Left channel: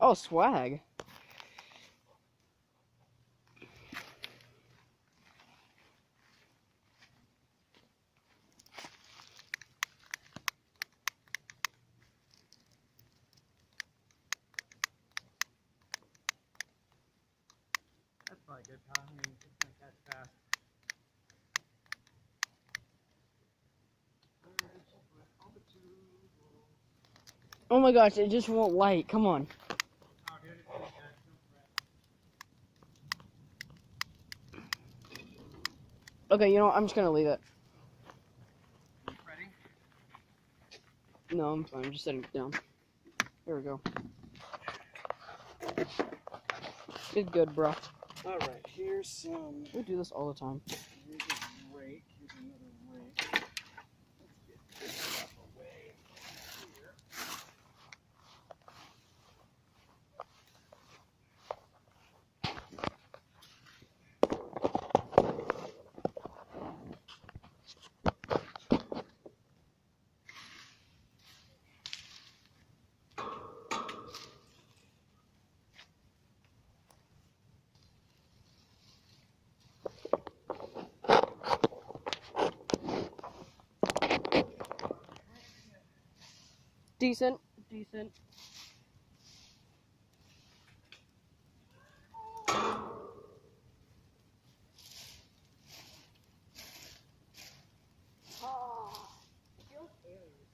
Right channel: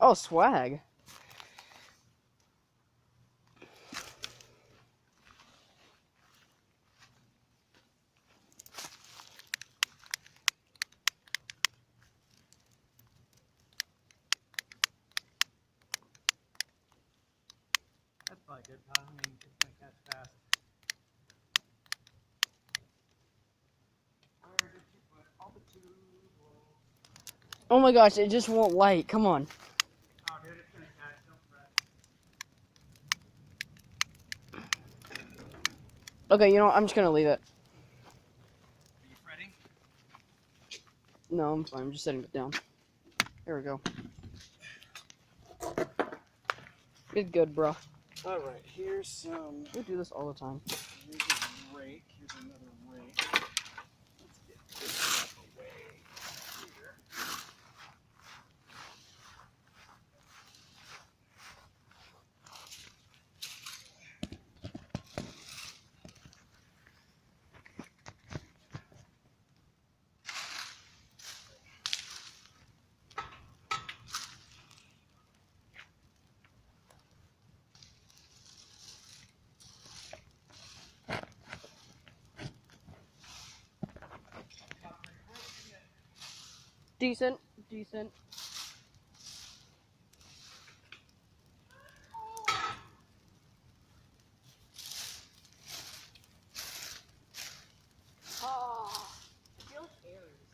Oh, swag. That's probably good, pal. I mean, it's gonna catch fast. Oh my gosh, it just won't light. Come on. Oh, dude, it's gonna catch. Don't fret. Okay, you know what? I'm just gonna leave it. Are you fretting? No, I'm fine. I'm just setting it down. There we go. It's good, bro. All right, here's some. We do this all the time. Here's a rake. Here's another rake. Let's get this stuff away here. Decent. Decent. Oh, I feel like Aries.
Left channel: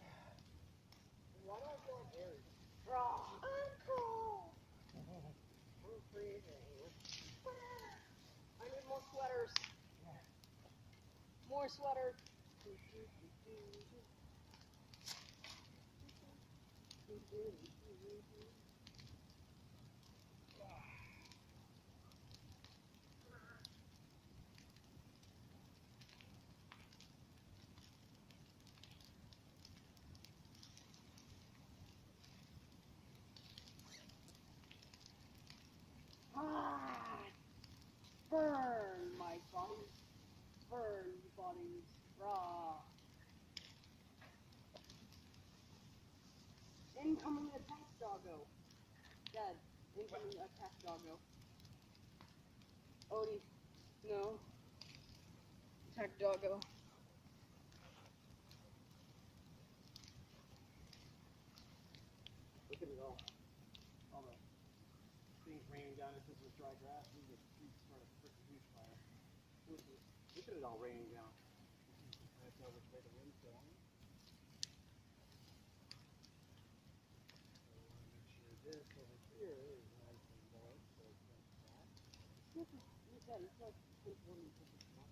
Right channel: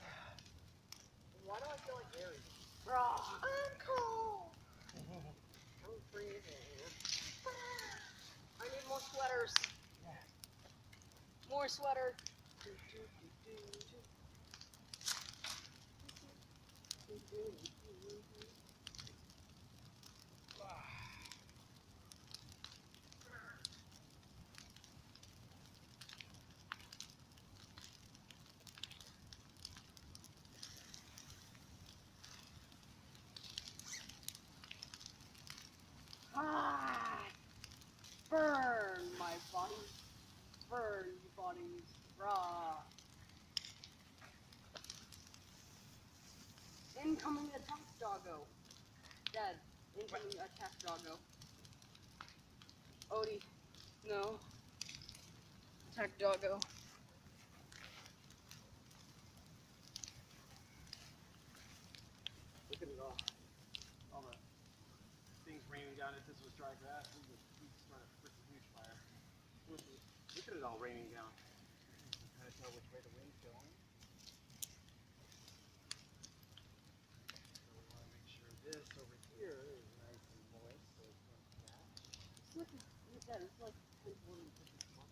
Why do I feel like Aries? Bro, I'm cold. I'm freezing. I need more sweaters. More sweater. Ah, burn my body. Burn you bodies. Raw. Incoming attack doggo. Dead. Incoming attack doggo. Odie. No. Attack doggo. Look at it all. All the things raining down. If this was dry grass, we would start a freaking huge fire. Look at it all raining down. You can kind of tell which way the wind's going. So we want to make sure this over here is nice and moist so it can't catch. Look at that. It's like 10 women for this one.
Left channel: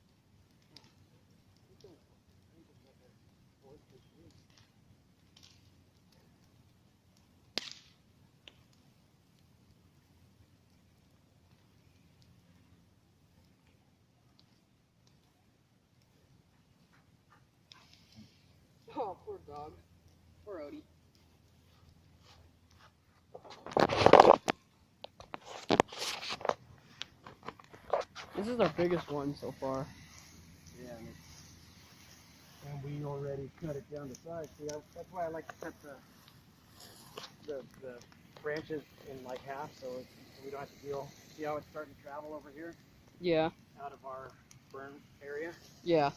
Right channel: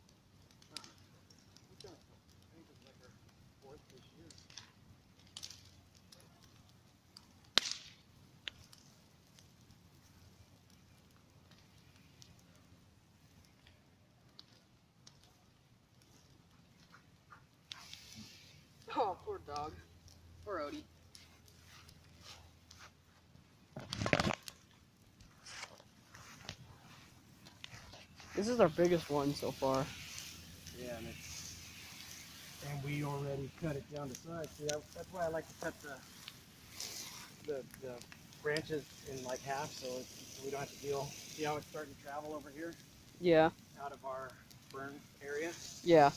We've done a couple. I think it's like our fourth this year. Oh, poor dog. Poor Odie. This is our biggest one so far. Yeah, and we already cut it down to size. See, that's why I like to cut the branches in like half, so we don't have to deal. See how it's starting to travel over here Yeah. out of our burn area? Yeah.